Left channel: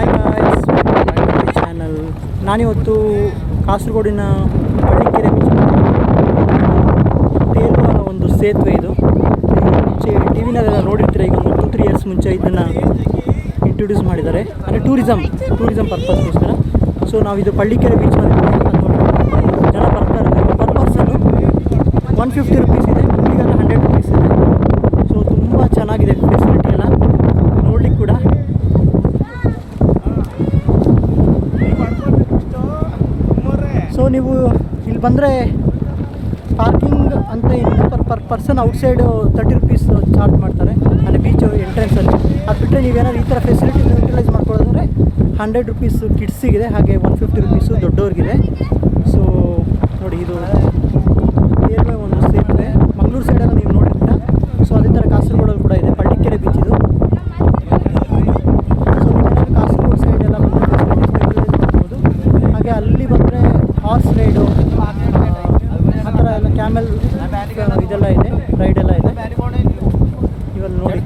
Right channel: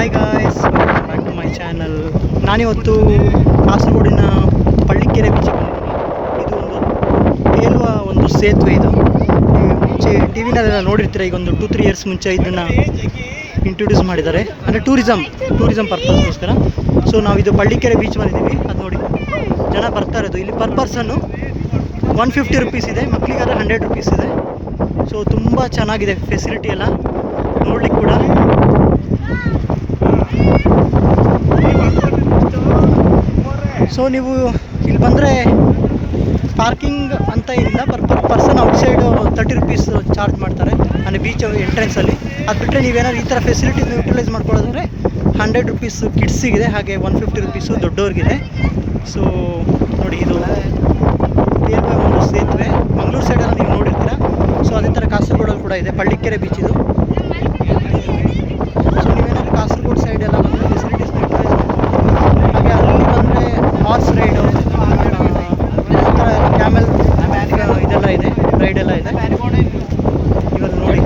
Hi guys, my channel. ನಾನಿವತ್ತು ಕಾಸರಗೋಡಿನ ಪಳ್ಳಿಕೆರೆ ಬೀಚಿಗೆ ತೇಲುವ ಒಂದು ಸೇತುವೆ ಇದು. ಮುಂಚೆ ಟಿ ವಿನಲ್ಲೆಲ್ಲ ನೋಡಿರ್ತೀರ. ಈಗ ಒಂದು 2-3 ಇಯರ್ಸ್ ಮುಂಚೆ ಇದನ್ನು ಇಂಟ್ರೊಡ್ಯೂಸ್ ಮಾಡಿದ್ದಾರೆ, ಅಂದರೆ ಟೂರಿಸಮ್ ಪರ್ಪಸ್ಗೋಸ್ಕರ. ಸೊ ನಾವಿದು ಪಳ್ಳಿಕೆರೆ ಬೀಚ್ ಬಂದಿದ್ದೀವಿ. ಅದು ನೋಡಿ ಜನ ಬರ್ತಾ ಇರೋದು. ಇಲ್ಲಿ ಪರ್ ಪರ್ಸನ್ನು 150 ರುಪೀಸ್ ಇದೆ, ಮಕ್ಕಳಿಗಾದ್ರೆ 100 ರುಪೀಸ್ ಇದೆ. ಸೊ ತುಂಬ ಚೆನ್ನಾಗಿದೆ ಫೆಸಿಲಿಟಿ ಎಲ್ಲ ನೋಡ್ಲಿಕ್ಕೆ ಕೂಡ. ಸೊ ನೀವು ಇಲ್ಲಿ ಬಂದರೆ ಪಾರ್ಕಿಂಗ್ ಅಂತ ಏನಿಲ್ಲ, per person outside 30 rupees charge ಮಾಡ್ತಾರೆ, ಅಂದರೆ ಬೀಚ್ ಎಂಟ್ರೆನ್ಸಲ್ಲಿ. ಅದು ಬಿಟ್ಟರೆ ನೀವೇನಾದ್ರು ಈ ಥರ ಫೆಸಿಲಿಟಿನ ಯೂಟಿಲೈಸ್ ಮಾಡ್ಕೊಳ್ಳೋದಂದರೆ 100 ರುಪೀಸ್ ಕಿಡ್ಸಿಗಿದೆ, ಹಾಗೆ 150 ರುಪೀಸು ದೊಡ್ಡವ್ರಿಗಿದೆ. ಸೊ ನೋಡಿ, ಇದು ತೇಲುವ ಒಂದು ಸೇತುವೆ. ಮಂಗಳೂರು ಸೈಡೆಲ್ಲ ನೀವು ನೋಡಿರ್ತೀರ. ಸೊ ಅದೇ ಥರ ಕಾಸರಗೋಡಲ್ಲಿ ಕೂಡ ಇದೆ ಪಳ್ಳಿಕೆರೆ ಬೀಚ್ ಇದು. ಸೊ ನೀವೇನಾದ್ರು ಕಾಸರಗೋಡು ಸೈಡೆಲ್ಲ ಬಂದರೆ ಫೆಸಿಲಿಟೀಸ್ ಹಾಗೆ ಅಲ್ಲಿ ಬಂದರೆ ಹಾರ್ಸ್ ರೈಡು, ಈ ಥರ ಎಲ್ಲ ಕ್ಯಾಮೆಲ್ ಇದೆಲ್ಲ ಇದೆ, ರೈಡೆಲ್ಲ ಇದೆ ಇವಾಗ ನೋಡಿ.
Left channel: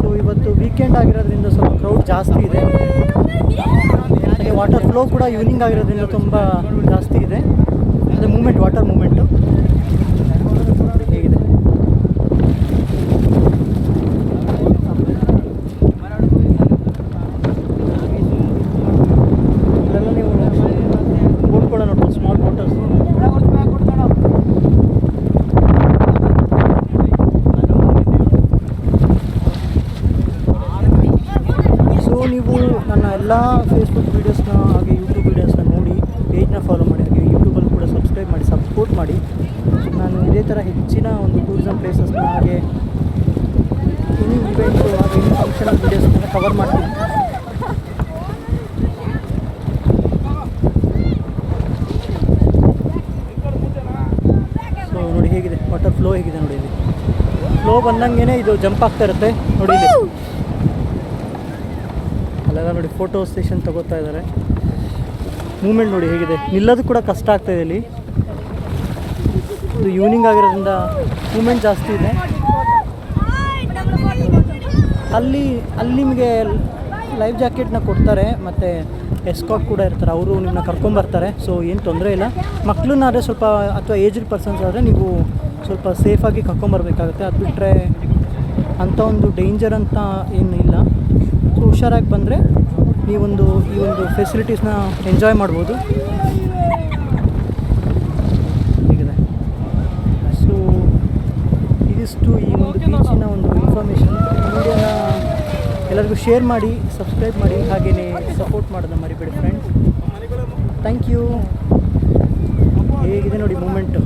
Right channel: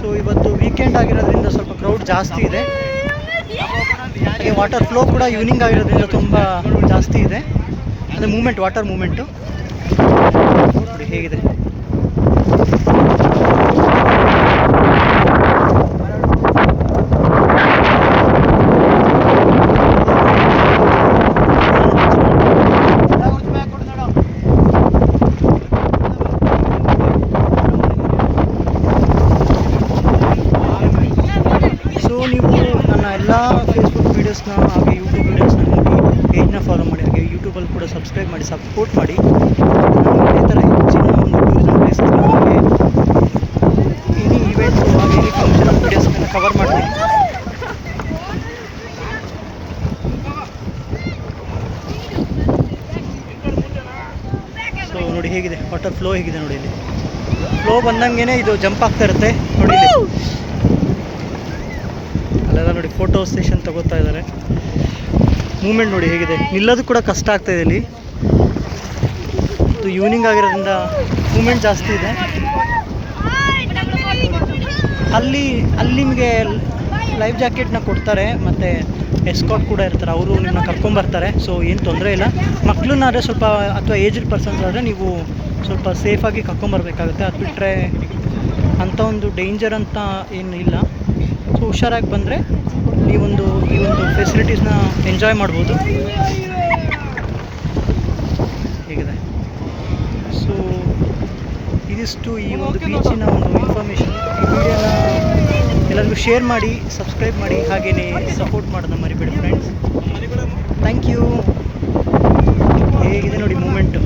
ಸೊ ಇವತ್ತು ವೀಕೆಂಡ್ ಆಗಿರೋದ್ರಿಂದ ಸ್ವಲ್ಪ ಕ್ರೌಡ್ ಜಾಸ್ತಿ ಇದೆ. ಹಾಗೆ ವಾಟರ್ ಫ್ಲೋ ಕೂಡ ಈವ್ನಿಂಗ್ ಆಗಿರೋದ್ರಿಂದ ತುಂಬ ಜಾಸ್ತಿ ಇದೆ, ಅಂದರೆ ವಾಟರ್ ಮೂಮೆಂಟು ನೋಡಿ ಹೇಗಿದೆ. ಸೊ ನೀವು ನನ್ನ ಎಲ್ಲ ಫೇಸ್ಬುಕ್ ವೀಡಿಯೋಸ್ನ ಹಾಗೆ ಯೂಟ್ಯೂಬ್ ವೀಡಿಯೋಸ್ನ ನೋಡಿ ಪೇಜ್ನ ಫಾಲೋ ಮಾಡಿ, ಹಾಗೆ ಯೂಟ್ಯೂಬಲ್ಲಿ ಕೂಡ ಸಬ್ಸ್ಕ್ರೈಬ್ ಮಾಡಿ, ಸಪೋರ್ಟ್ ಮಾಡಿ. ನಾನು ಇದೇ ಥರ ಹೆಚ್ಚಿನ ಒಂದು ಟೂರಿಸಮ್ ಪ್ಲೇಸಸ್ನ ಹಾಗೆ ಎನಿ ಈವೆಂಟು ಹಾಗೆ ಎನಿ ಫಂಕ್ಷನಲ್ ವೀಡಿಯೋಸ್ನೆಲ್ಲ ಕವರ್ ಮಾಡ್ತೀನಿ. ಸೊ ನೋಡಿ ಹೇಗಿದೆ ವಾಟರ್ ಫ್ಲೋ ಹೇಗಿದೆ ನೋಡಿ. ಇಲ್ಲಿ ಫ್ಲೋ ಬಂದಂಗೆ ಇದು ಜಂಪ್ ಆಗ್ತಾ ಇರುತ್ತೆ ನೋಡಿ. ಇಲ್ಲಿ ಅಲ್ಲೆಲ್ಲ ನೋಡಿ ಫೋಟೋ ಸೆಷನ್ ತಗೋತಾ ಇದ್ದಾರೆ. ಮೂಮೆಂಟ್ ನೋಡಿ ಹೇಗಿದೆ, ನಿಲ್ಲೋದು ಕೂಡ ಕಷ್ಟ ಆಗ್ತಾಯಿದೆ ಇಲ್ಲಿ. ಇದು ಈವ್ನಿಂಗ್ ಆಗಿರೋದ್ರಿಂದ ಮೂಮೆಂಟ್ ಜಾಸ್ತಿ ಇದೆ. ಅಲ್ಲಿ ನಿಮಗೆ ಲೈಫ್ ಜಾಕೆಟ್ನ ಕೊಡ್ತಾರೆ, ಮತ್ತು ಎಸ್ಕಾಟ್ ಕೂಡ ಇರ್ತಾರೆ, ಅವರು ನಿಮ್ಮನ್ನ ಕರ್ಕೊಂಬರ್ತಾರೆ. ಸೊ ಏನು ತೊಂದರೆ ಇಲ್ಲ. ಮಕ್ಕಳನ್ನಾದರೆ ಸ್ವಲ್ಪ, ಅಥವಾ ಏಜ್ಡ್ ಪರ್ಸನ್ಸ್ ಆದರೆ ನೀವು ಸ್ವಲ್ಪ ಸೇಫಾಗಿ ಕರ್ಕೊಂಬರ್ಬೇಕಾಗುತ್ತೆ. ಅದು ಬಿಟ್ಟರೆ ಅಂಥ ಒಂದು ಡೇಂಜರ್ ಅಂತ ಏನು ಇಲ್ಲ. ಸೊ ಹುಷಾರಾಗಿ ಬಂದರೆ ಈ ಒಂದು ಫೆಸಿಲಿಟೀಸ್ನ ಎಂಜಾಯ್ ಮಾಡ್ಬೋದು. ಹೇಗಿದೆ. ಸೊ ಇದಿಷ್ಟು ಈ ಒಂದು ಬೀಚಿನ ಒಂದು ಇನ್ಫಾರ್ಮೇಷನ್. ಈ ವಿಡಿಯೋನ ಎಲ್ಲರಿಗೂ ಶೇರ್ ಮಾಡಿ, ಸಬ್ಸ್ಕ್ರೈಬ್ ಮಾಡಿ, ಹಾಗೆಯೇ ಸಪೋರ್ಟ್ ಮಾಡೋದನ್ನ ಮರಿಬೇಡಿ ಫ್ರೆಂಡ್ಸ್. Thank you. ಹೇಗಿದೆ ನೋಡಿ ಮೂಮೆಂಟು.